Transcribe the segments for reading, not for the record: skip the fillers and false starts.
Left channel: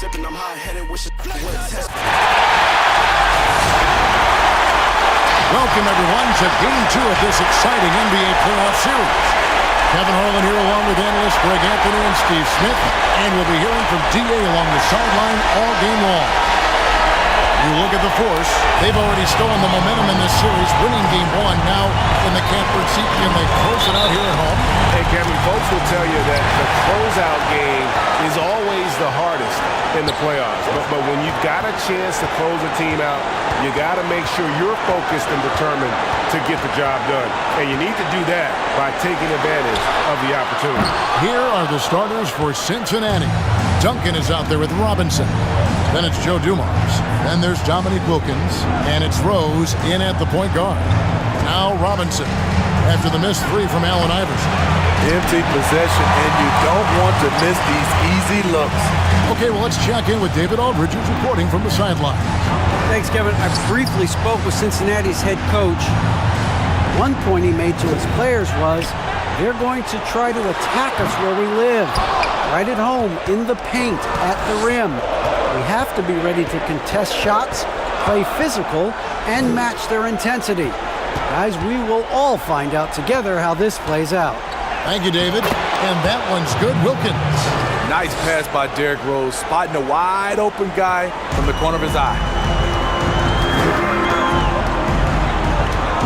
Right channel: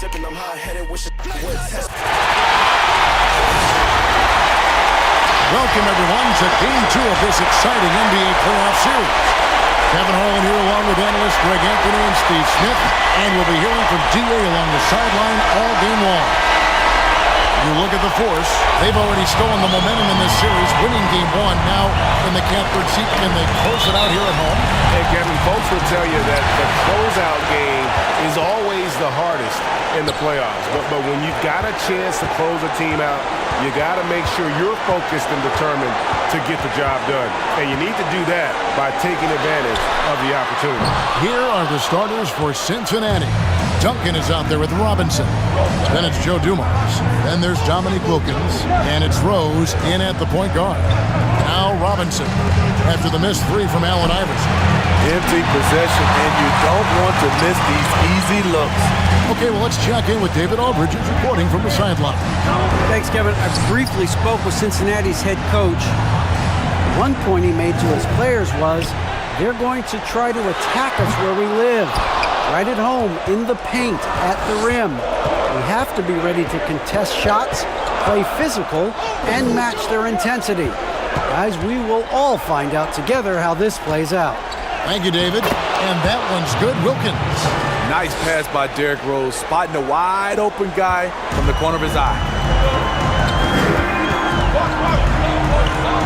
sipping, I'm hot-headed, wishing would test. Welcome, everyone, to Game 2 of this exciting NBA playoff series. Kevin Harlan here along with analysts Greg Anthony and Steve Smith, and we'll be hearing from D.A. along the sideline all game long. You look at the Force, they've already stolen the momentum in this series, winning Game 1. Now in the catbird seat, can they close it out here at home? And Kevin, folks will tell you that the closeout game is always the hardest in the playoffs. But when you've got a chance to close a team out, you got to make sure you're focused and determined to get the job done. And you need to do that by taking advantage of the opportunity. Here are the starters for Cincinnati. Duncan is out there with Robinson. Then it's Joe Dumars. Then there's Dominique Wilkins. And it's Rose in at the point guard. Now Robinson after the missed three from Allen Iverson. Empty possession, and you don't want to miss these easy looks. Okay, well, let's check in with David Aldridge, who's reporting from the sideline. Thanks, Kevin. I briefly spoke with Cincinnati's head coach. One point he made to his players was, they're going to try to attack us where we live, right at home, in the paint, at the rim. We have to be ready to contest shots, play physical, and match their intensity. Guys, we will all find out together how this plays out. Thank you, David. And that one's good. Wilkins. Nice pass by Derrick Rose, spotting a wide open guy from the corner of his eye.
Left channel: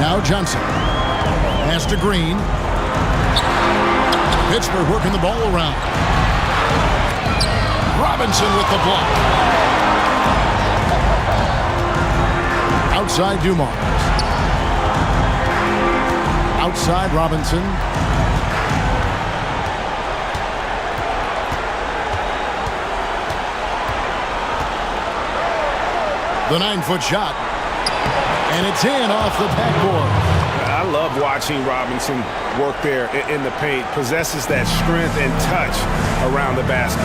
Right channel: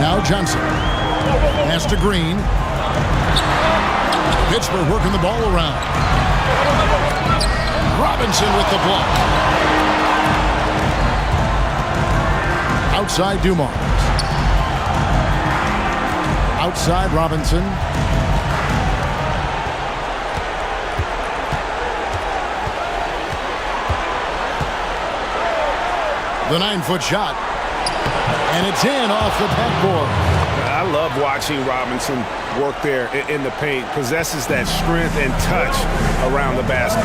Now Johnson. Pass to Green. Pittsburgh working the ball around. Robinson with the block. Outside Dumars. Outside Robinson. The 9-foot shot. And it's in off the backboard. I love watching Robinson work there in the paint. Possesses that strength and touch around the basket.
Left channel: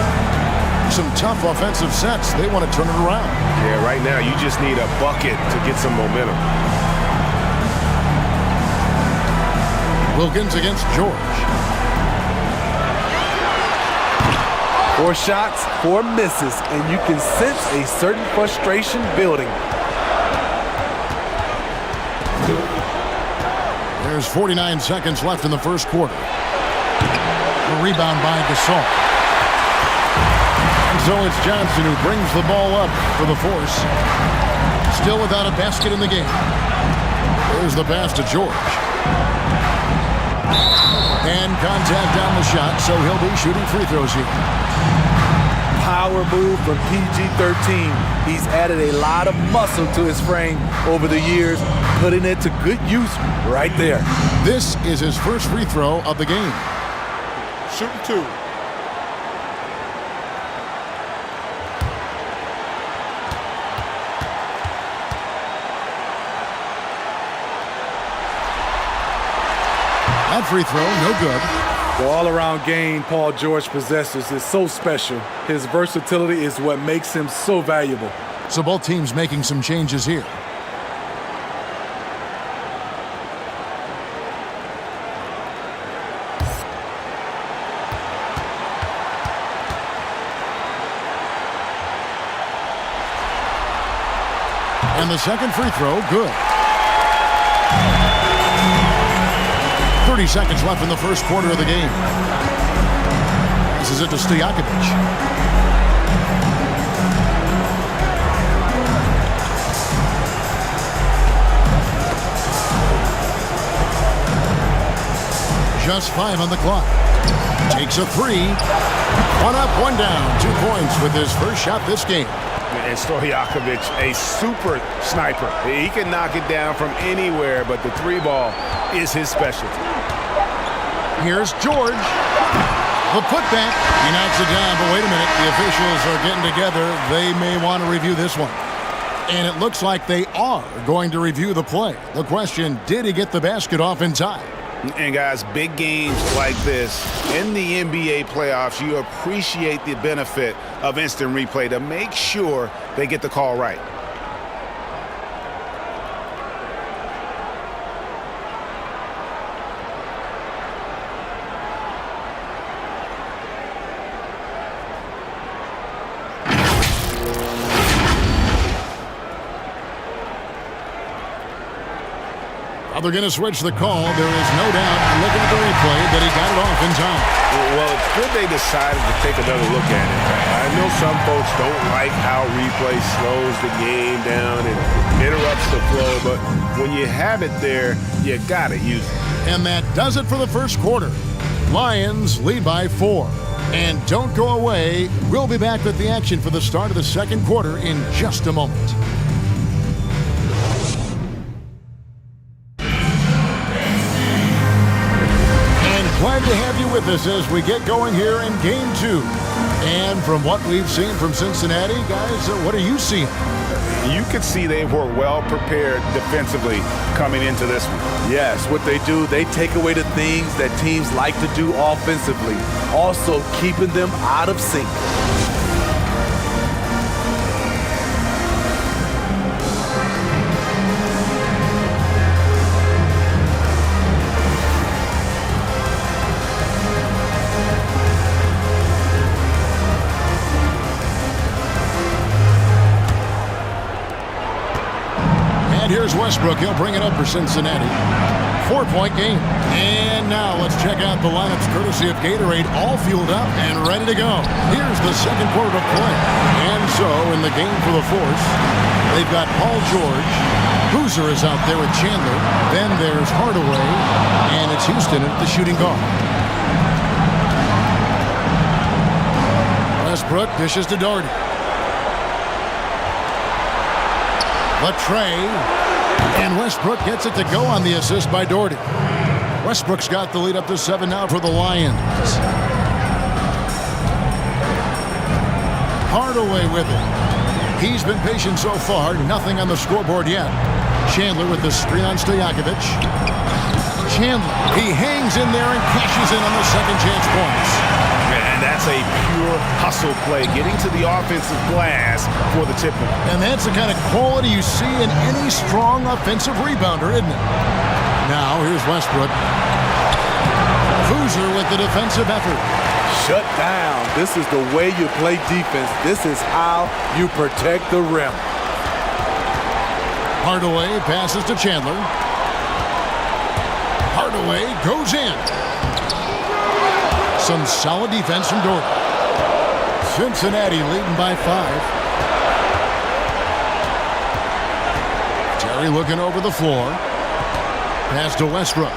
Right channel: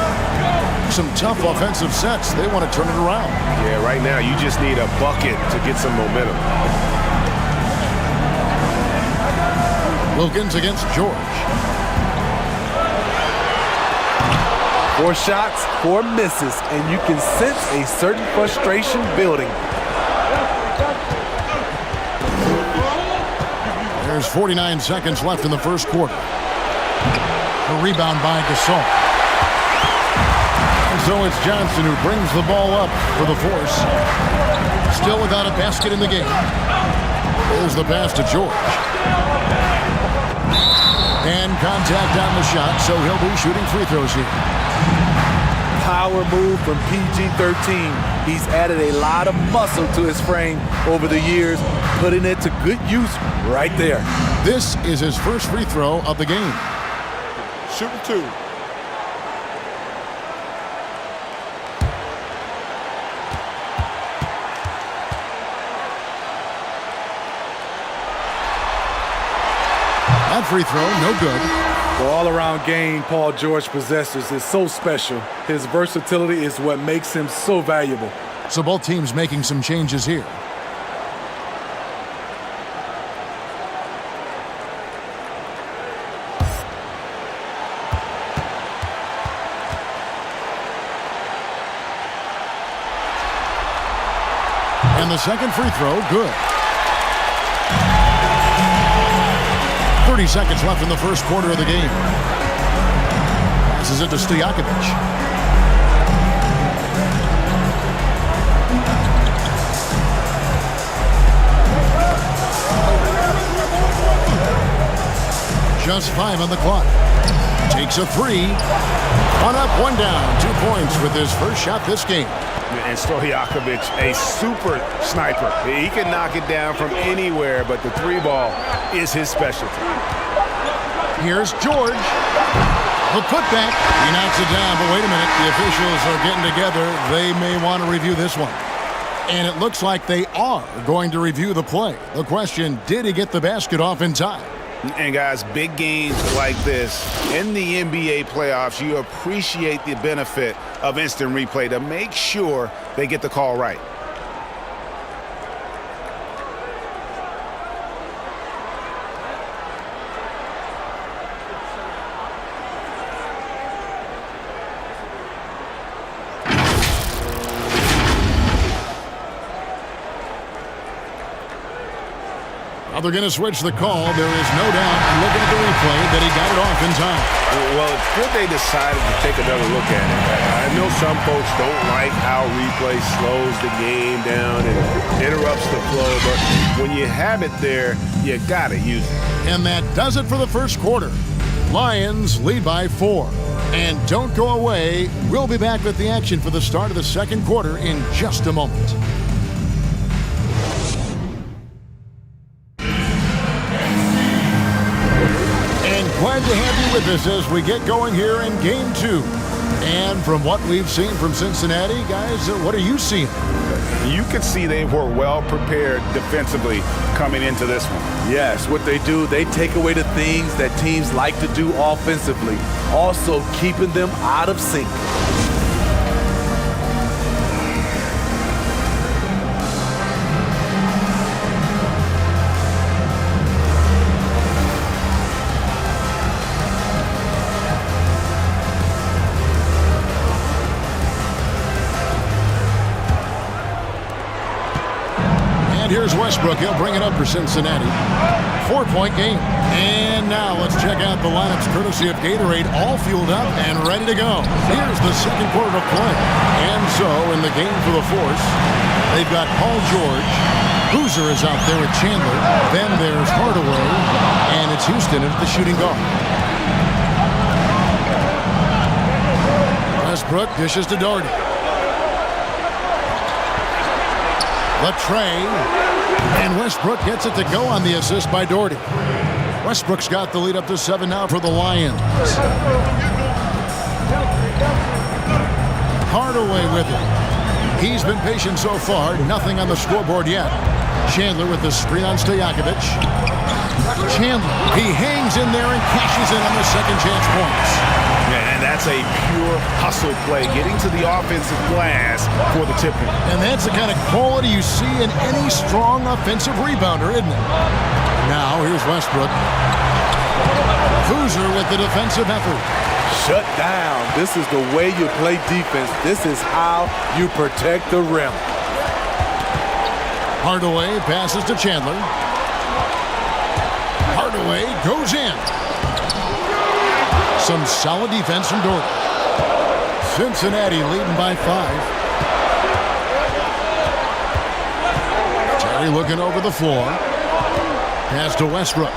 Some tough offensive sets. They want to turn it around. Yeah, right now you just need a bucket to get some momentum. Wilkins against George. 4 shots, 4 misses, and you can sense a certain frustration building. There's 49 seconds left in the first quarter. The rebound by Gasol. And so it's Johnson who brings the ball up for the Force. Still without a basket in the game. There's the pass to George. And contact on the shot, so he'll be shooting free throws here. Power move from PG-13. He's added a lot of muscle to his frame over the years, putting it to good use right there. This is his first free throw of the game. Shooting 2. That free throw, no good. The all-around game Paul George possesses is so special. His versatility is what makes him so valuable. So both teams making some changes here. And the second free throw, good. 30 seconds left in the first quarter of the game. Passes it to Stojakovic. Just 5 on the clock. Takes a 3. 1 up, 1 down. 2 points with his first shot this game. And Stojakovic, a super sniper. He can knock it down from anywhere, but the 3 ball is his specialty. Here's George. The putback. He knocks it down, but wait a minute. The officials are getting together. They may want to review this one. And it looks like they are going to review the play. The question, did he get the basket off in time? And guys, big games like this in the NBA playoffs, you appreciate the benefit of instant replay to make sure they get the call right. Now they're going to switch the call. There is no doubt, looking at the replay, that he got it off in time. Well, it's good they decided to take another look at it. I know some folks don't like how replay slows the game down and interrupts the flow, but when you have it there, you got to use it. And that does it for the first quarter. Lions lead by 4. And don't go away. We'll be back with the action for the start of the second quarter in just a moment. Glad to have you with us as we get going here in Game 2. And from what we've seen from Cincinnati, guys, what are you seeing? You could see they were well prepared defensively coming into this one. Yes, what they do, they take away the things that teams like to do offensively, also keeping them out of sync. Here's Westbrook. He'll bring it up for Cincinnati. 4-point game. And now let's check out the lineups courtesy of Gatorade, all fueled up and ready to go. Here's the second quarter of play. And so in the game for the Force, they've got Paul George. Boozer is out there with Chandler. Then there's Hardaway. And it's Houston at the shooting guard. Westbrook dishes to Doherty. Latrey. And Westbrook gets it to go on the assist by Doherty. Westbrook's got the lead up to 7 now for the Lions. Hardaway with it. He's been patient so far. Nothing on the scoreboard yet. Chandler with the screen on Stojakovic. Chandler. He hangs in there and cashes in on the second chance points. And that's a pure hustle play, getting to the offensive glass for the tip-in. And that's the kind of quality you see in any strong offensive rebounder, isn't it? Now, here's Westbrook. Boozer with the defensive effort. Shut down. This is the way you play defense. This is how you protect the rim. Hardaway passes to Chandler. Hardaway goes in. Some solid defense from Doherty. Cincinnati leading by 5. Terry looking over the floor. Pass to Westbrook.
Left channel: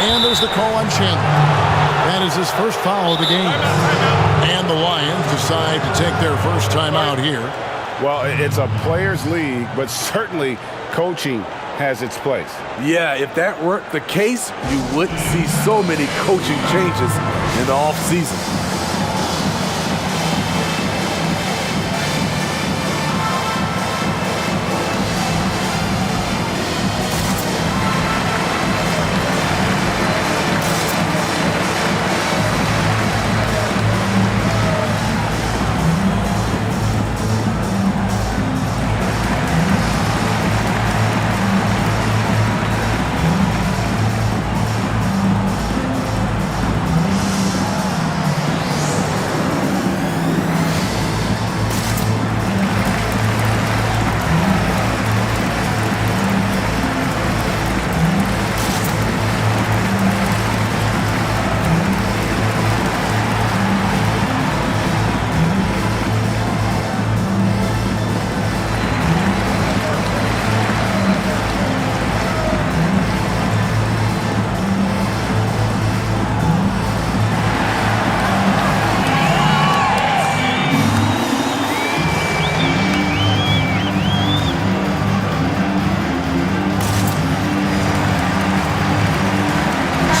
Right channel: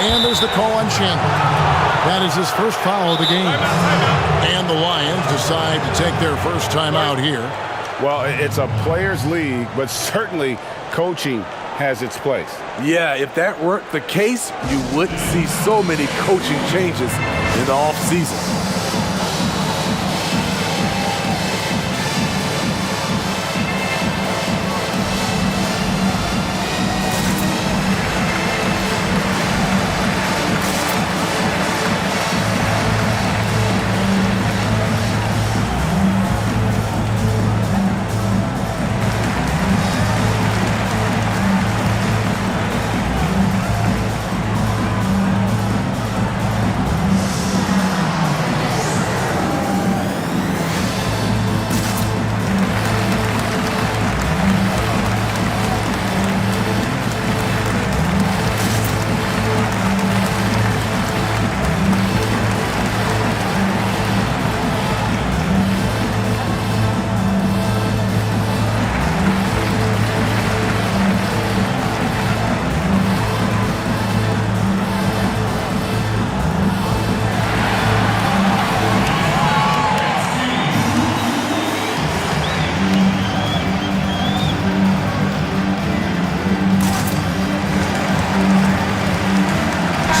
And there's the call on Chandler. That is his first foul of the game. And the Lions decide to take their first time out here. Well, it's a players' league, but certainly coaching has its place. Yeah, if that weren't the case, you wouldn't see so many coaching changes in the offseason.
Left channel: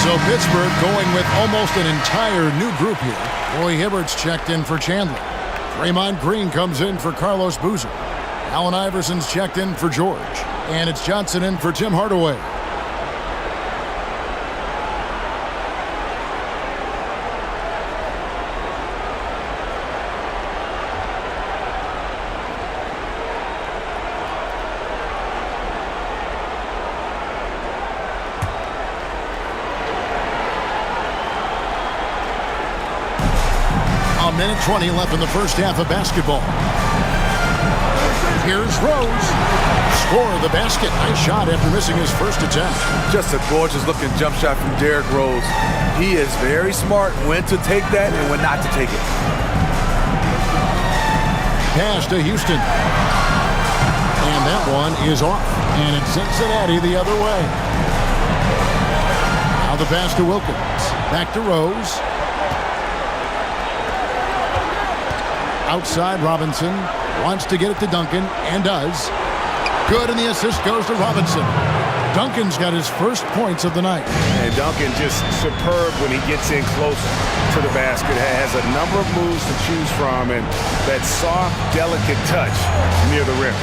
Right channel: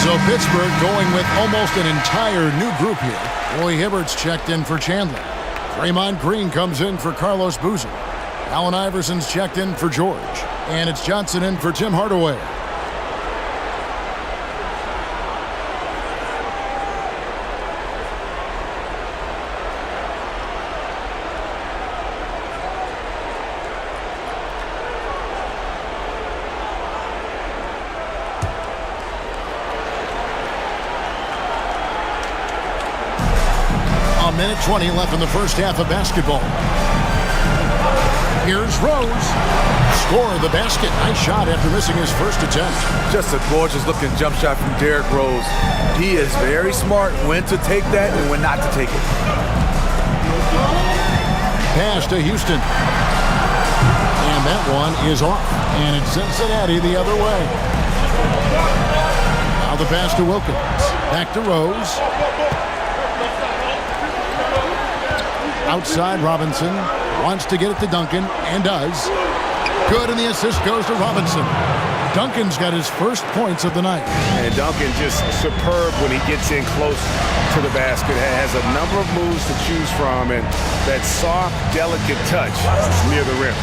So Pittsburgh going with almost an entire new group here. Roy Hibbert's checked in for Chandler. Draymond Green comes in for Carlos Boozer. Allen Iverson's checked in for George. And it's Johnson in for Tim Hardaway. A minute 20 left in the first half of basketball. Here's Rose. Score the basket. Nice shot after missing his first attempt. Just a gorgeous-looking jump shot from Derrick Rose. He is very smart when to take that and when not to take it. Pass to Houston. And that one is off. And it's Cincinnati the other way. Now the pass to Wilkins. Back to Rose. Outside, Robinson wants to get it to Duncan, and does. Good, and the assist goes to Robinson. Duncan's got his first points of the night. And Duncan just superb when he gets in close to the basket. Has a number of moves to choose from, and that soft, delicate touch near the rim.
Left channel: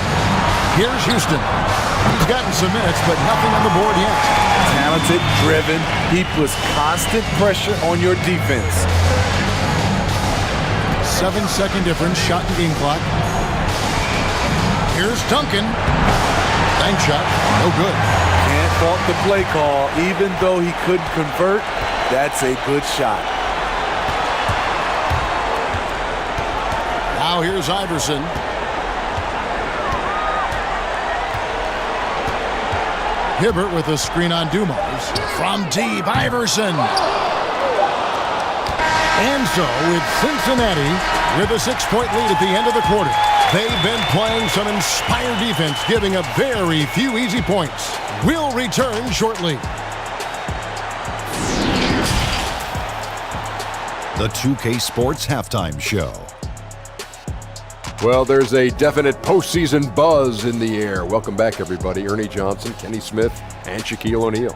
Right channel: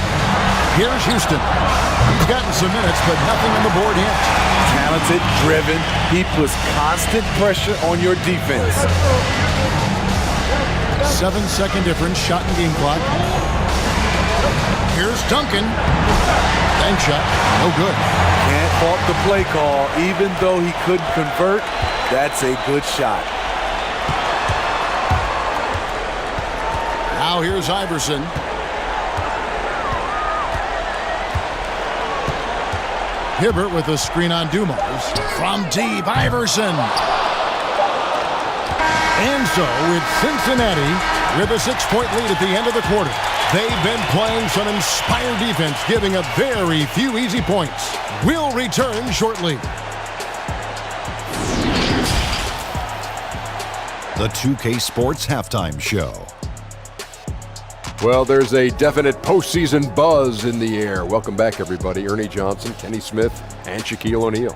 Here's Houston. He's gotten some minutes, but nothing on the board yet. Talented, driven. He puts constant pressure on your defense. 7-second difference, shot and game clock. Here's Duncan. Bank shot, no good. Can't fault the play call. Even though he couldn't convert, that's a good shot. Now here's Iverson. Hibbert with a screen on Dumars. From deep, Iverson. And so it's Cincinnati with a 6-point lead at the end of the quarter. They've been playing some inspired defense, giving up very few easy points. We'll return shortly. The 2K Sports Halftime Show. Well, there's a definite postseason buzz in the air. Welcome back, everybody. Ernie Johnson, Kenny Smith, and Shaquille O'Neal.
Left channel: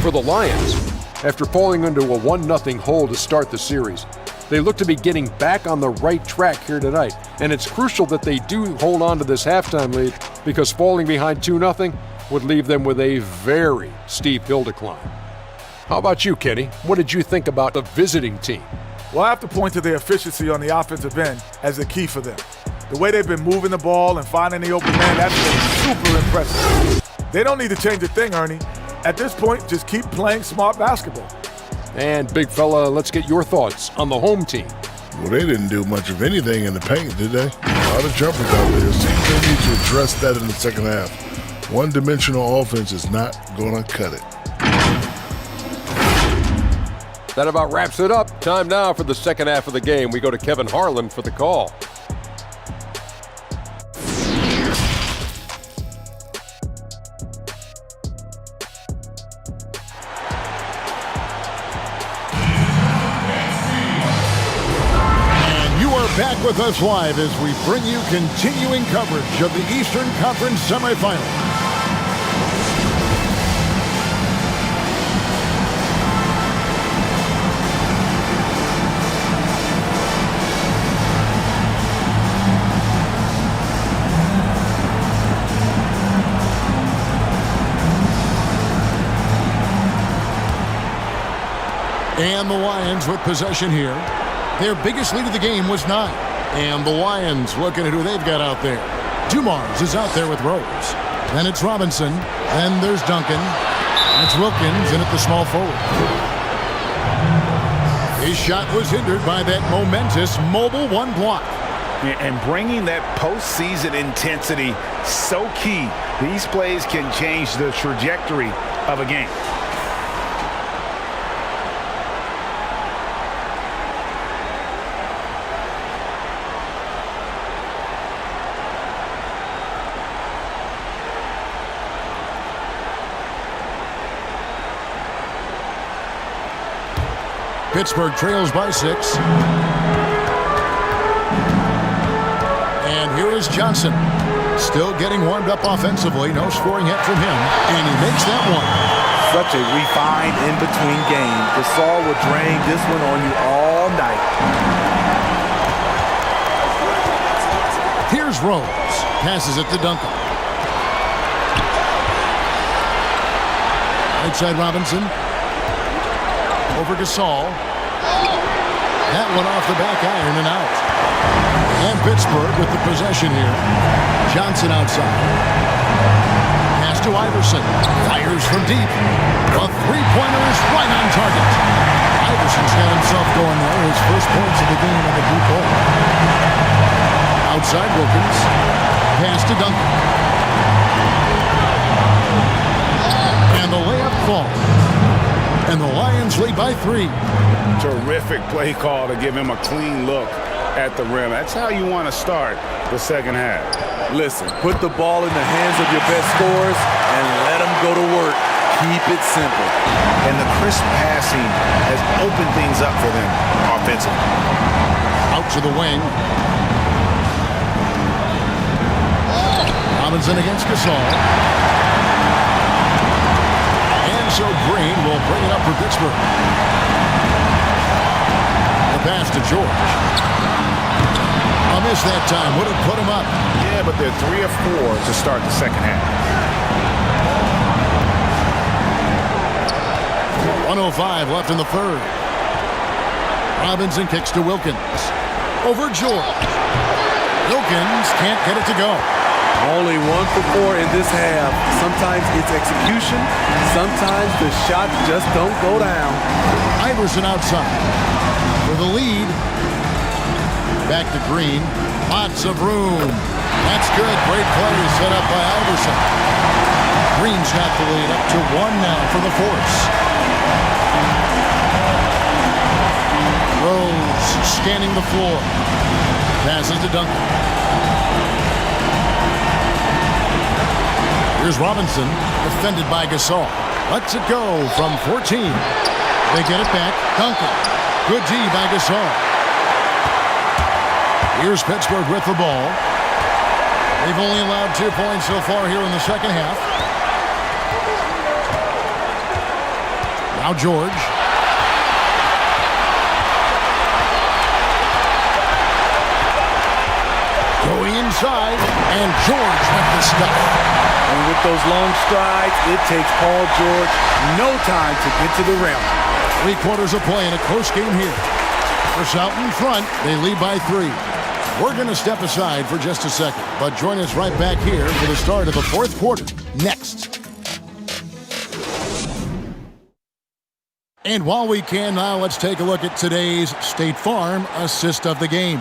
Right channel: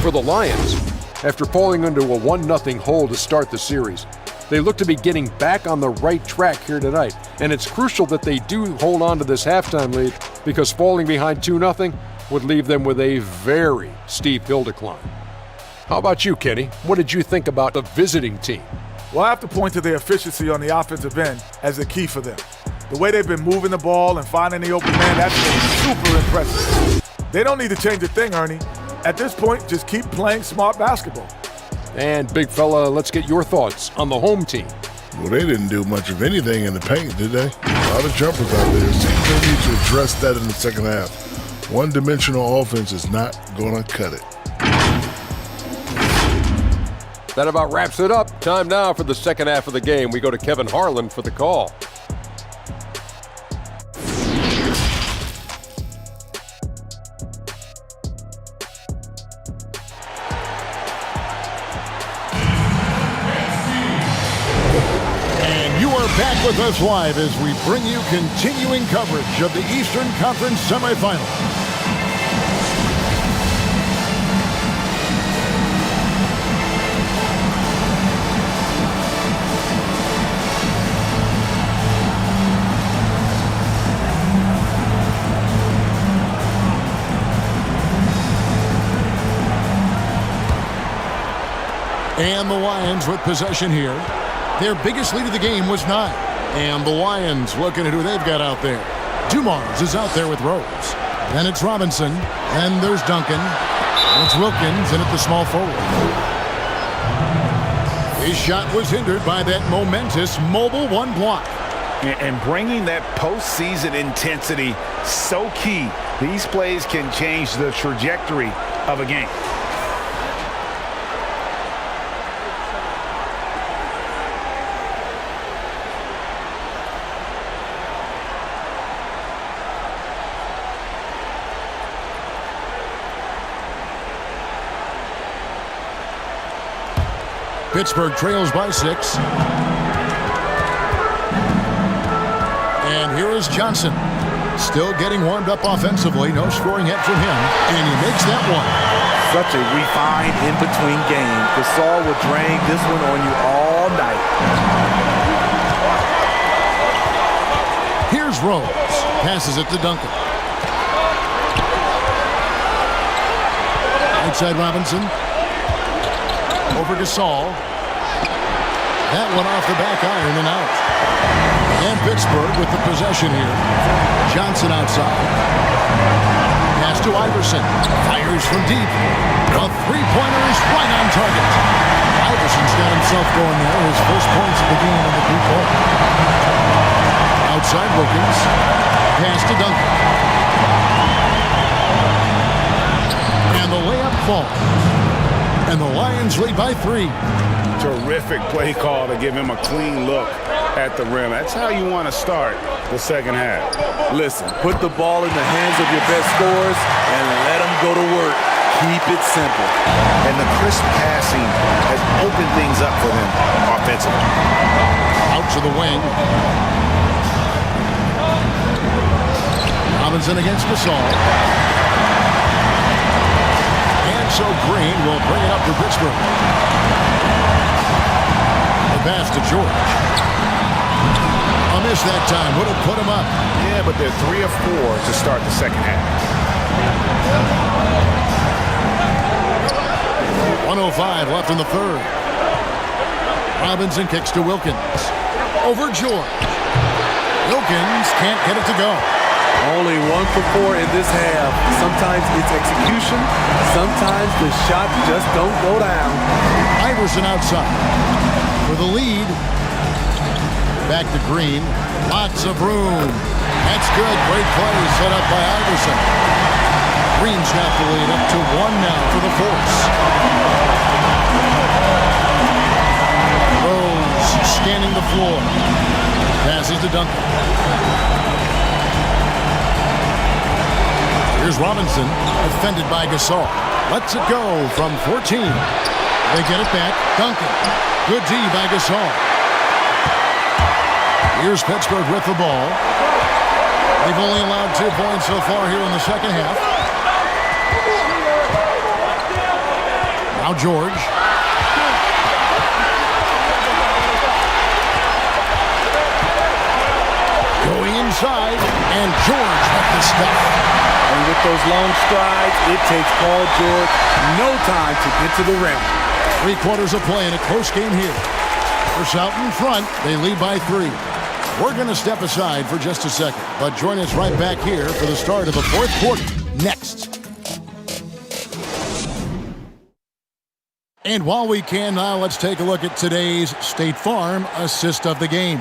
For the Lions, after falling into a 1-0 hole to start the series, they look to be getting back on the right track here tonight. And it's crucial that they do hold on to this halftime lead, because falling behind 2-0 would leave them with a very steep hill to climb. How about you, Kenny? What did you think about the visiting team? Well, I have to point to their efficiency on the offensive end as the key for them. The way they've been moving the ball and finding the open man, that's been super impressive. They don't need to change a thing, Ernie. At this point, just keep playing smart basketball. And big fella, let's get your thoughts on the home team. Well, they didn't do much of anything in the paint, did they? A lot of jumpers out there. Seems they need to address that in the second half. One-dimensional offense is not going to cut it. That about wraps it up. Time now for the second half of the game. We go to Kevin Harlan for the call. And you are back with us live as we bring you continuing coverage of the Eastern Conference semifinal. And the Lions with possession here. Their biggest lead of the game was 9. And the Lions looking at who they've got out there. Dumars is out there with Rose. Then it's Robinson. Then there's Duncan. And it's Wilkins in at the small forward. His shot was hindered by that momentous mobile 1 block. And bringing that postseason intensity, so key. These plays can change the trajectory of a game. Pittsburgh trails by 6. And here is Johnson. Still getting warmed up offensively. No scoring yet from him. And he makes that one. Such a refined in-between game. Gasol will drain this one on you all night. Here's Rose. Passes it to Duncan. Right side Robinson. Over Gasol. That one off the back iron and out. And Pittsburgh with the possession here. Johnson outside. Pass to Iverson. Fires from deep. A three-pointer is right on target. Iverson's got himself going there. His first points of the game on the deep ball. Outside Wilkins. Pass to Duncan. And the layup falls. And the Lions lead by 3. Terrific play call to give him a clean look at the rim. That's how you want to start the second half. Listen, put the ball in the hands of your best scorers and let them go to work. Keep it simple. And the crisp passing has opened things up for them offensively. Out to the wing. Robinson against Gasol. And so Green will bring it up for Pittsburgh. The pass to George. A miss that time. Would have put him up. Yeah, but they're 3 of 4 to start the second half. 1:05 left in the third. Robinson kicks to Wilkins. Over George. Wilkins can't get it to go. Only 1 for 4 in this half. Sometimes it's execution. Sometimes the shots just don't go down. Iverson outside for the lead. Back to Green. Lots of room. That's good. Great play set up by Iverson. Green's got the lead up to 1 now for the Force. Rose scanning the floor. Passes to Duncan. Here's Robinson, defended by Gasol. Lets it go from 14. They get it back. Duncan. Good D by Gasol. Here's Pittsburgh with the ball. They've only allowed 2 points so far here in the second half. Now George. Going inside, and George with the stuff. And with those long strides, it takes Paul George no time to get to the rim. 3 quarters of play in a close game here. Force out in front. They lead by 3. We're going to step aside for just a second, but join us right back here for the start of the 4th quarter next. And while we can now, let's take a look at today's State Farm assist of the game.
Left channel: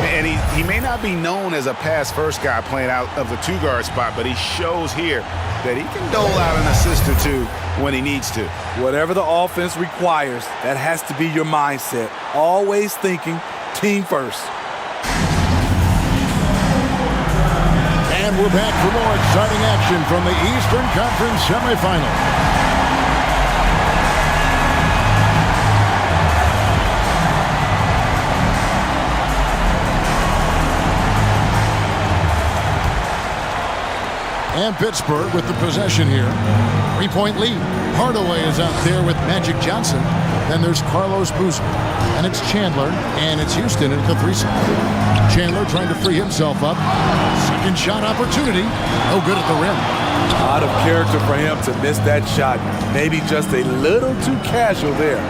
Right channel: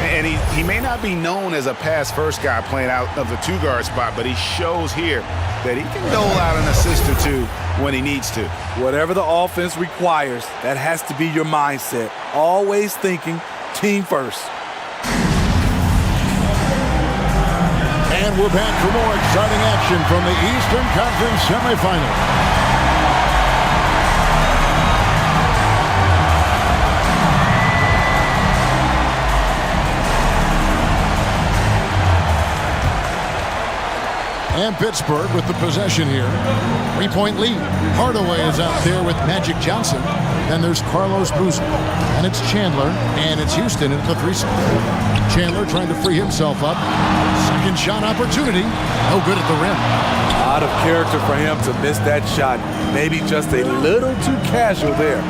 And he may not be known as a pass-first guy playing out of the 2-guard spot, but he shows here that he can dole out an assist or 2 when he needs to. Whatever the offense requires, that has to be your mindset. Always thinking team first. And we're back for more exciting action from the Eastern Conference semifinals. And Pittsburgh with the possession here. 3-point lead. Hardaway is out there with Magic Johnson. Then there's Carlos Boozer. And it's Chandler. And it's Houston at the 3 side. Chandler trying to free himself up. Second shot opportunity. No good at the rim. Out of character for him to miss that shot. Maybe just a little too casual there.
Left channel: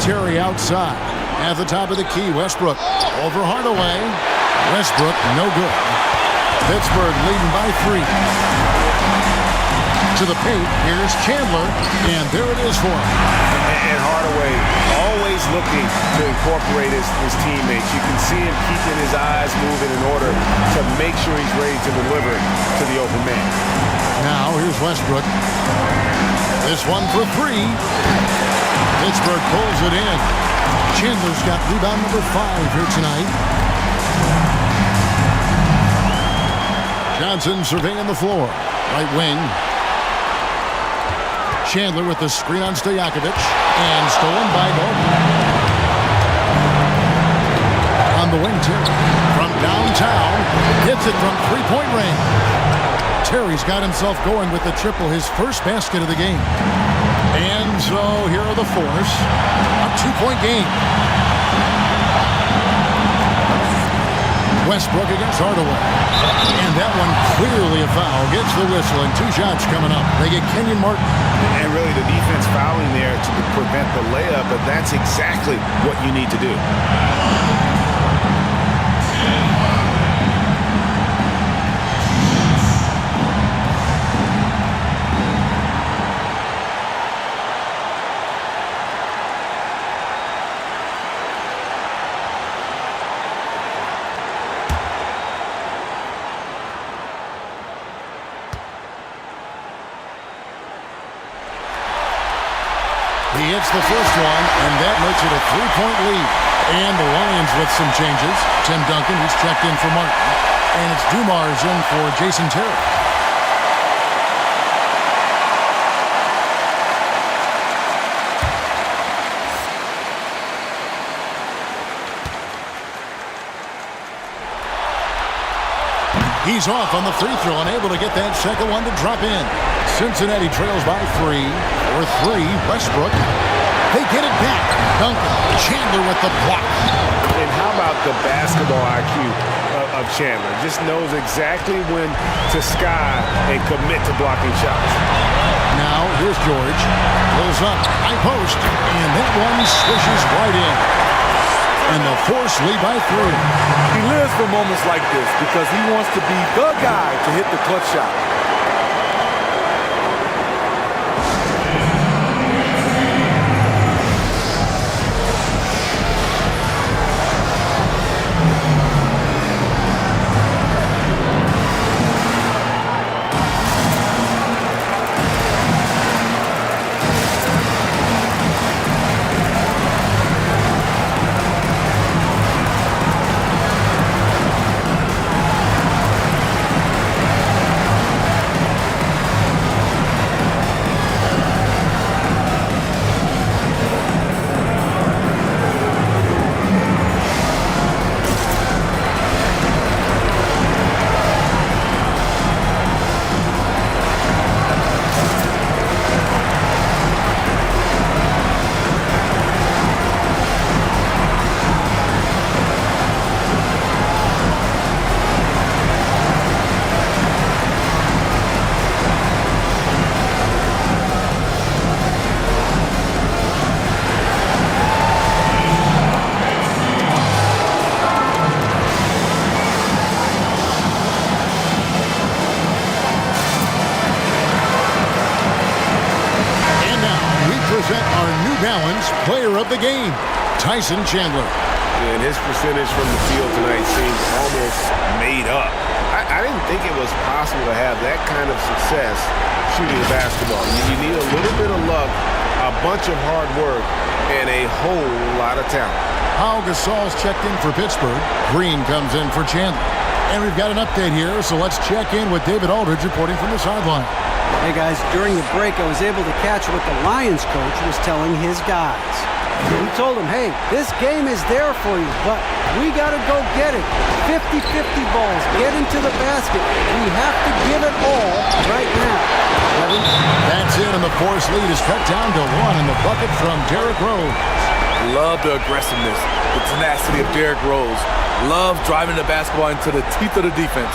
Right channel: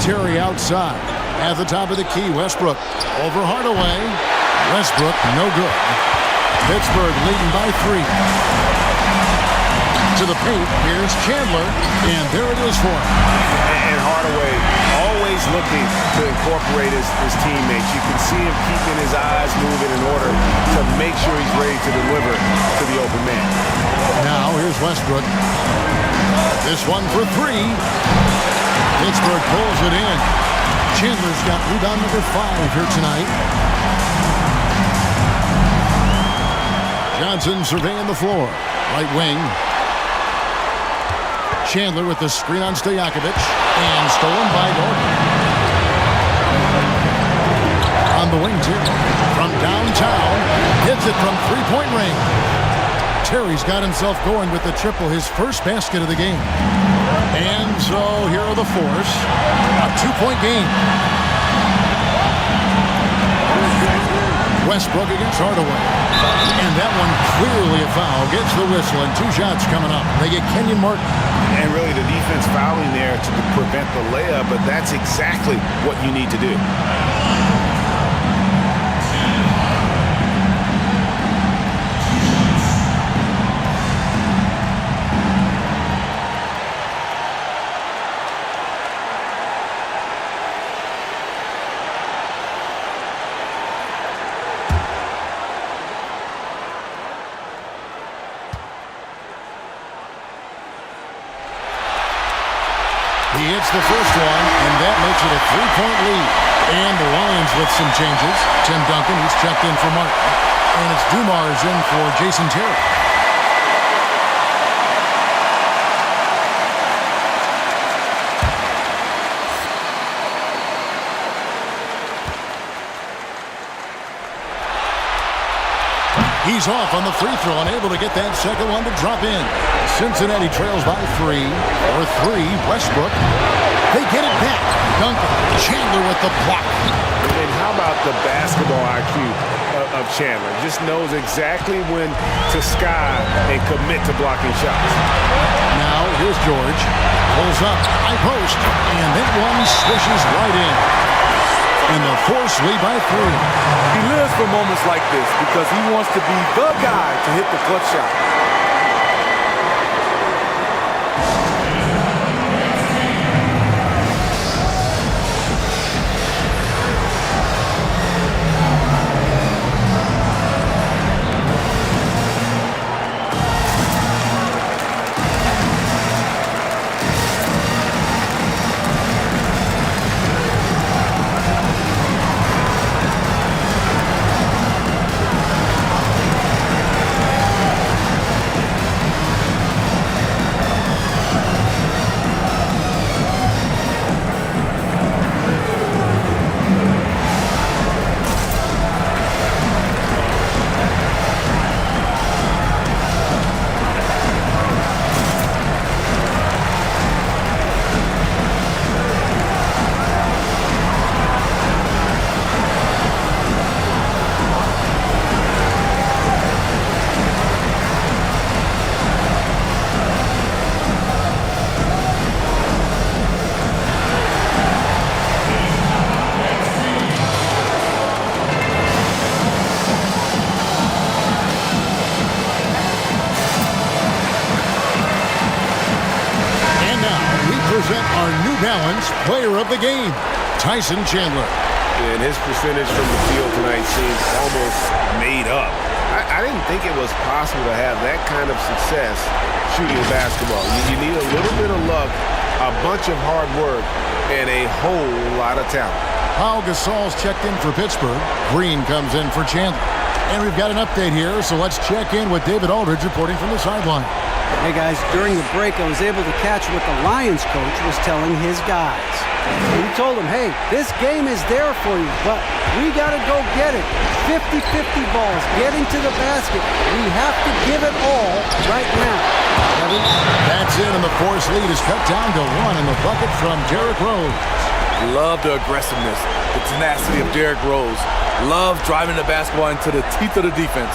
Terry outside. At the top of the key, Westbrook. Over Hardaway. Westbrook, no good. Pittsburgh leading by 3. To the paint, here's Chandler, and there it is for him. And Hardaway always looking to incorporate his teammates. You can see him keeping his eyes moving in order to make sure he's ready to deliver to the open man. Now, here's Westbrook. This one for 3. Pittsburgh pulls it in. Chandler's got rebound number 5 here tonight. Johnson surveying the floor. Right wing. Chandler with the screen on Stojakovic. And stolen by Gordon. On the wing, Terry. From downtown. Hits it from 3-point range. Terry's got himself going with the triple, his first basket of the game. And so here are the Force. A 2-point game. Westbrook against Hardaway. And that one clearly a foul. Gets the whistle, and 2 shots coming up. They get Kenyon Martin. And really the defense fouling there to prevent the layup, but that's exactly what you need to do. He hits the first one, and that makes it a 3-point lead. And the Lions with some changes. Tim Duncan, he's checked in for Martin. And it's Dumars in for Jason Terry. He's off on the free throw, unable to get that second one to drop in. Cincinnati trails by 3. Or 3, Westbrook. They get it back. Duncan, Chandler with the block. And how about the basketball IQ of Chandler? Just knows exactly when to sky and commit to blocking shots. Now, here's George. Pulls up, high post, and that one swishes right in. And the Force lead by 3. He lives for moments like this because he wants to be the guy to hit the clutch shot. Present our New Balance Player of the Game, Tyson Chandler. And his percentage from the field tonight seems almost made up. I didn't think it was possible to have that kind of success shooting a basketball. You need a little bit of luck, a bunch of hard work, and a whole lot of talent. Pau Gasol's checked in for Pittsburgh. Green comes in for Chandler. And we've got an update here, so let's check in with David Aldridge reporting from the sideline. Hey guys, during the break I was able to catch what the Lions coach was telling his guys. He told them, hey, this game is there for you, but we got to go get it. 50-50 balls, get into the basket. We have to give it all right now. Kevin? That's in, and the Force lead is cut down to 1 in the bucket from Derrick Rose. Love the aggressiveness, the tenacity of Derrick Rose. Love driving the basketball into the teeth of the defense.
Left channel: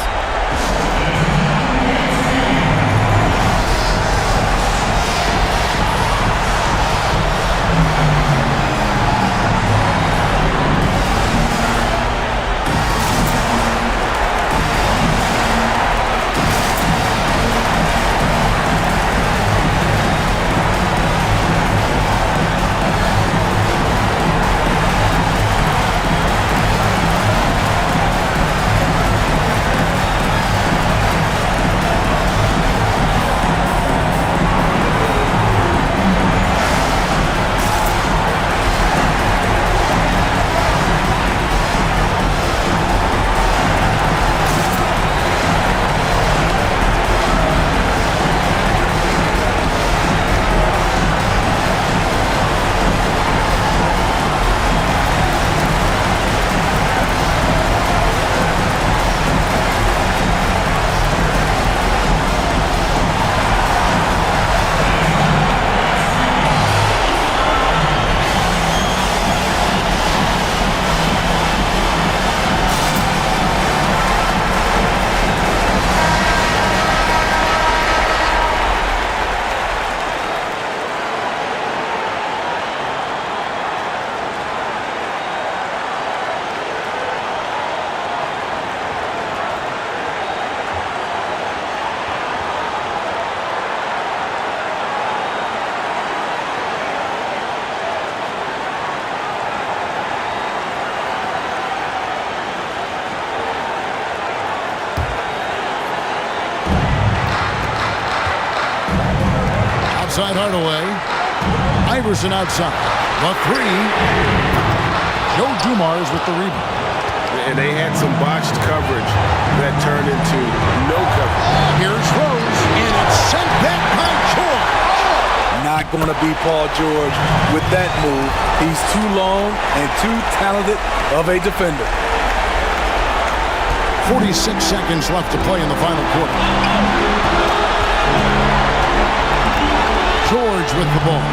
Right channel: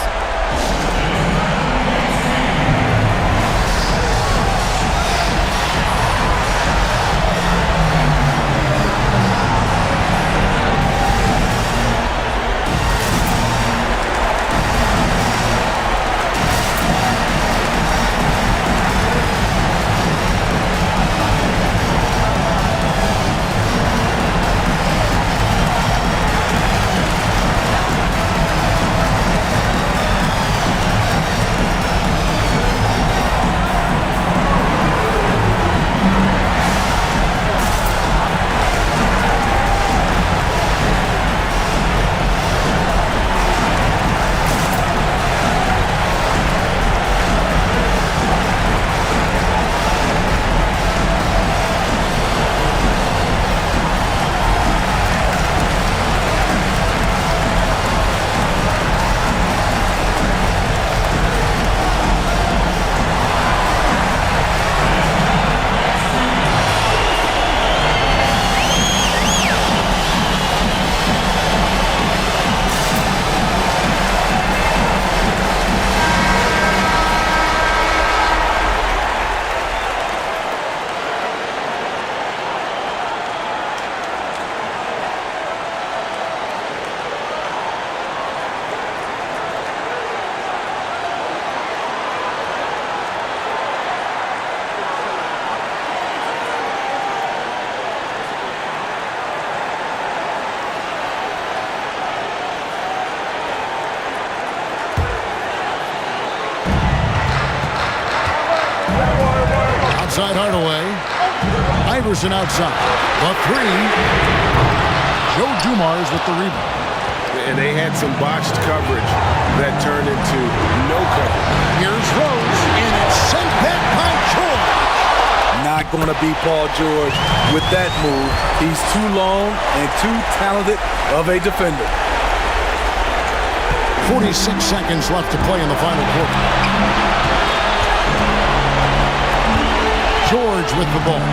Outside Hardaway. Iverson outside. The three. Joe Dumars with the rebound. And they had some botched coverage that turned into no coverage. Here's Rose, and it's sent back by George. Not going to be Paul George with that move. He's too long and too talented of a defender. 46 seconds left to play in the final quarter. George with the ball.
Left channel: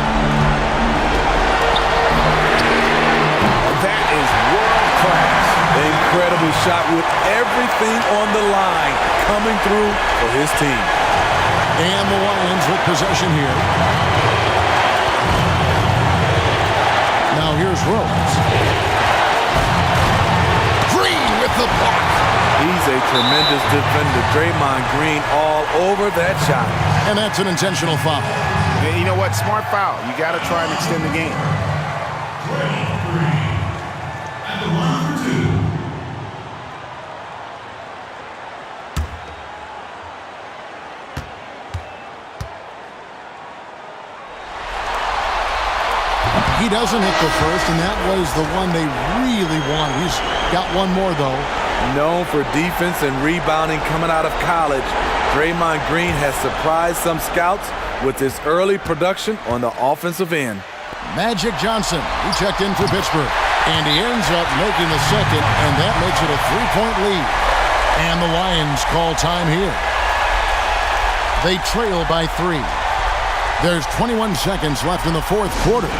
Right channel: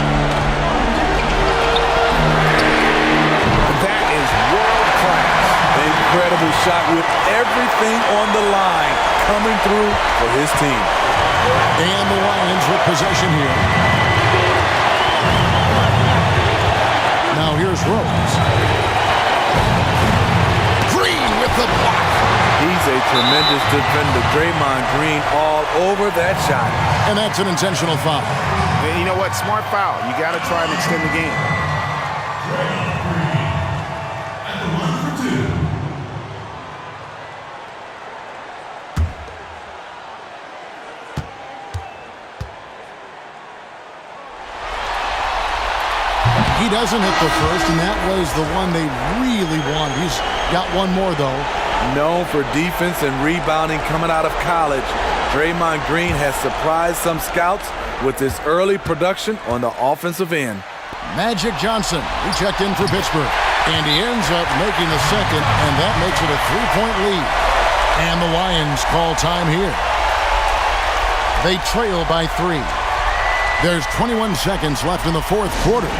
That is world class. Incredible shot with everything on the line coming through for his team. And the Lions with possession here. Now here's Rose. Green with the block. He's a tremendous defender. Draymond Green all over that shot. And that's an intentional foul. And you know what? Smart foul. You got to try and extend the game. At the line for two. He doesn't hit the first, and that was the one they really wanted. He's got one more, though. Known for defense and rebounding coming out of college, Draymond Green has surprised some scouts with his early production on the offensive end. Magic Johnson, he checked in for Pittsburgh, and he ends up making the second, and that makes it a 3-point lead. And the Lions call time here. They trail by 3. There's 21 seconds left in the fourth quarter.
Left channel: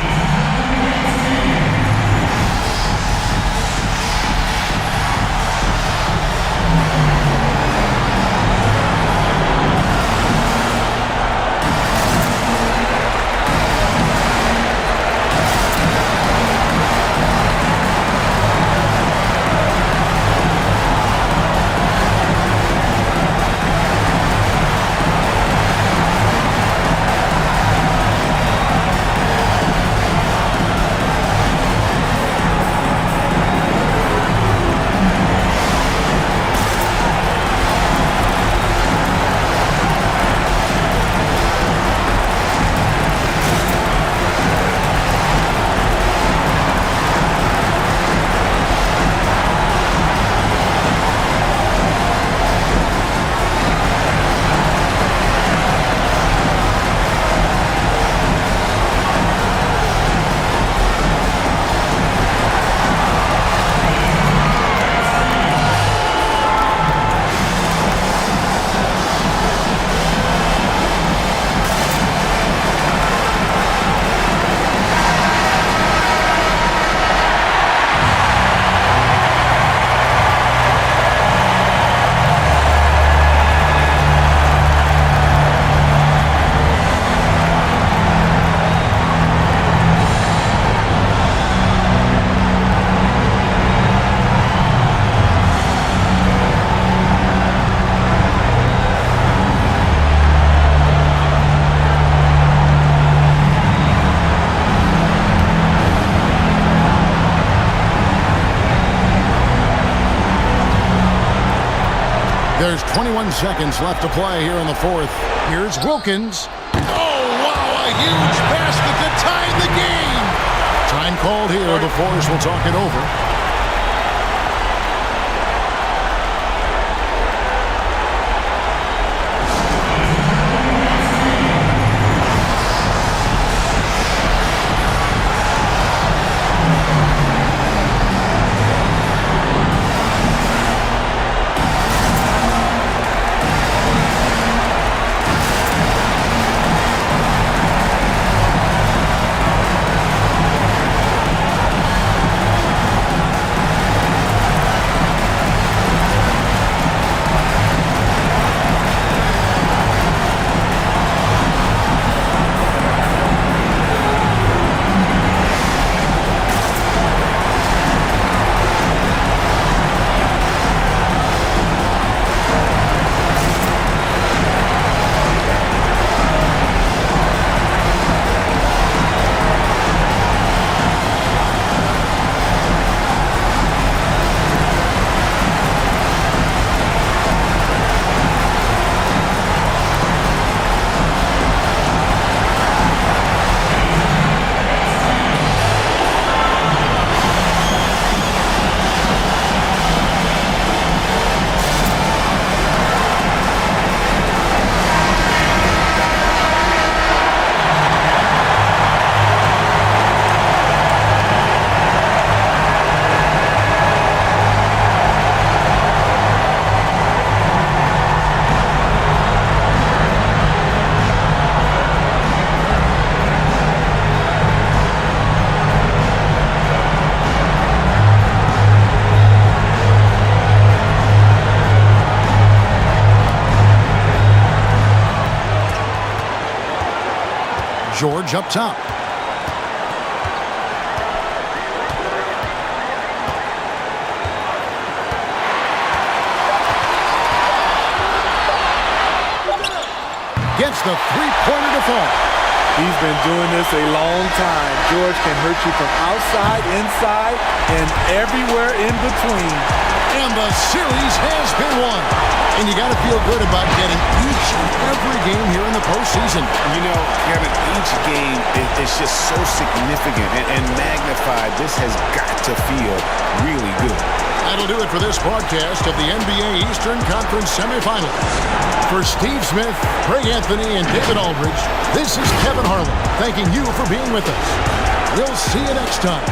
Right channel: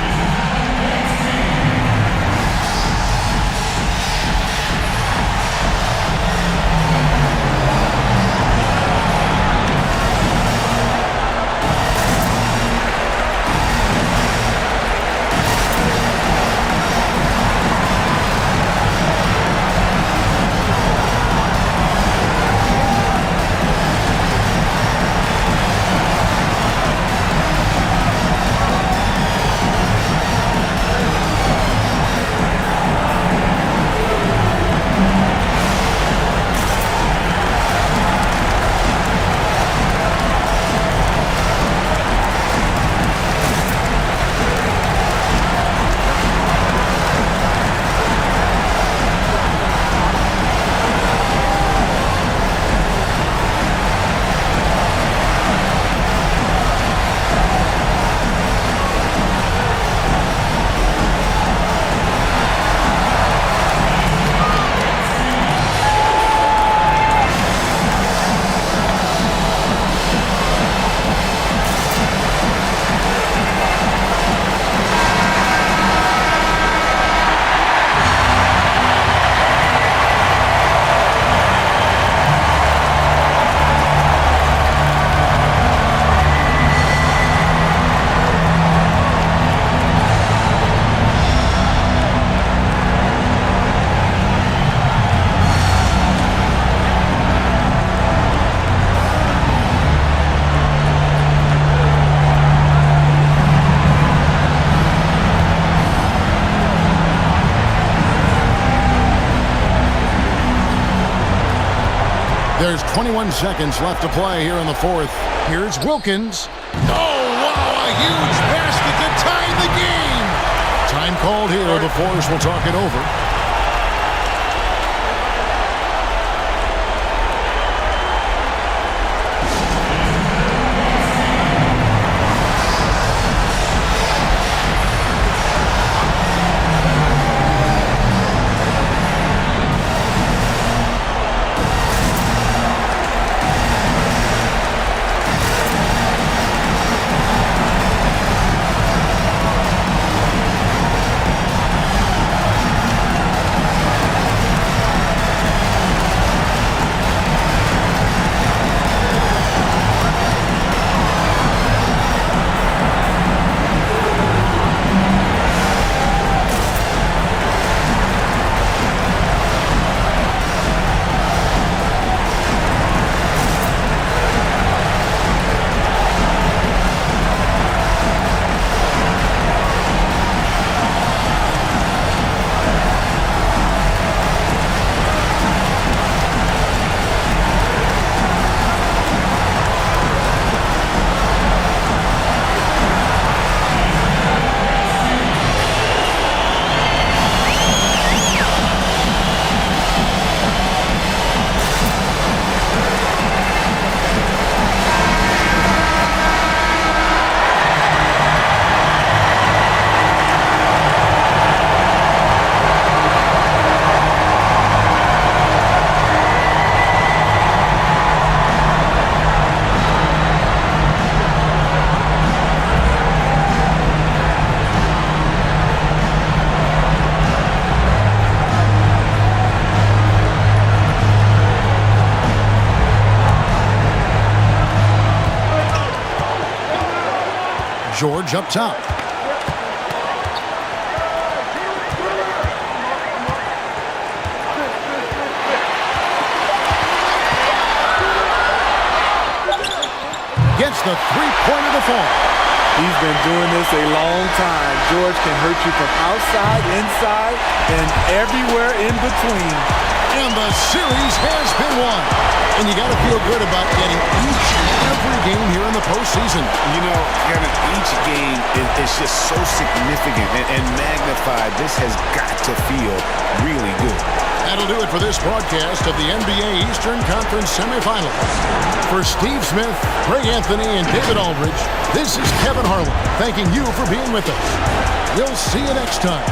There's 21 seconds left to play here in the fourth. Here's Wilkins. Oh, wow, a huge basket to tie the game. Time called here. The Force will talk it over. George up top. Gets the three-pointer to fall. He's been doing this a long time. George can hurt you from outside, inside, and everywhere in between. And the series has been won. And you got to feel good about getting each and every game here in the postseason. You know, Kevin, each game is just so significant and magnified. This has got to feel really good. That'll do it for this broadcast of the NBA Eastern Conference semifinals. For Steve Smith, Greg Anthony, and David Aldridge, this is Kevin Harlan thanking you for being with us. We'll see you next time.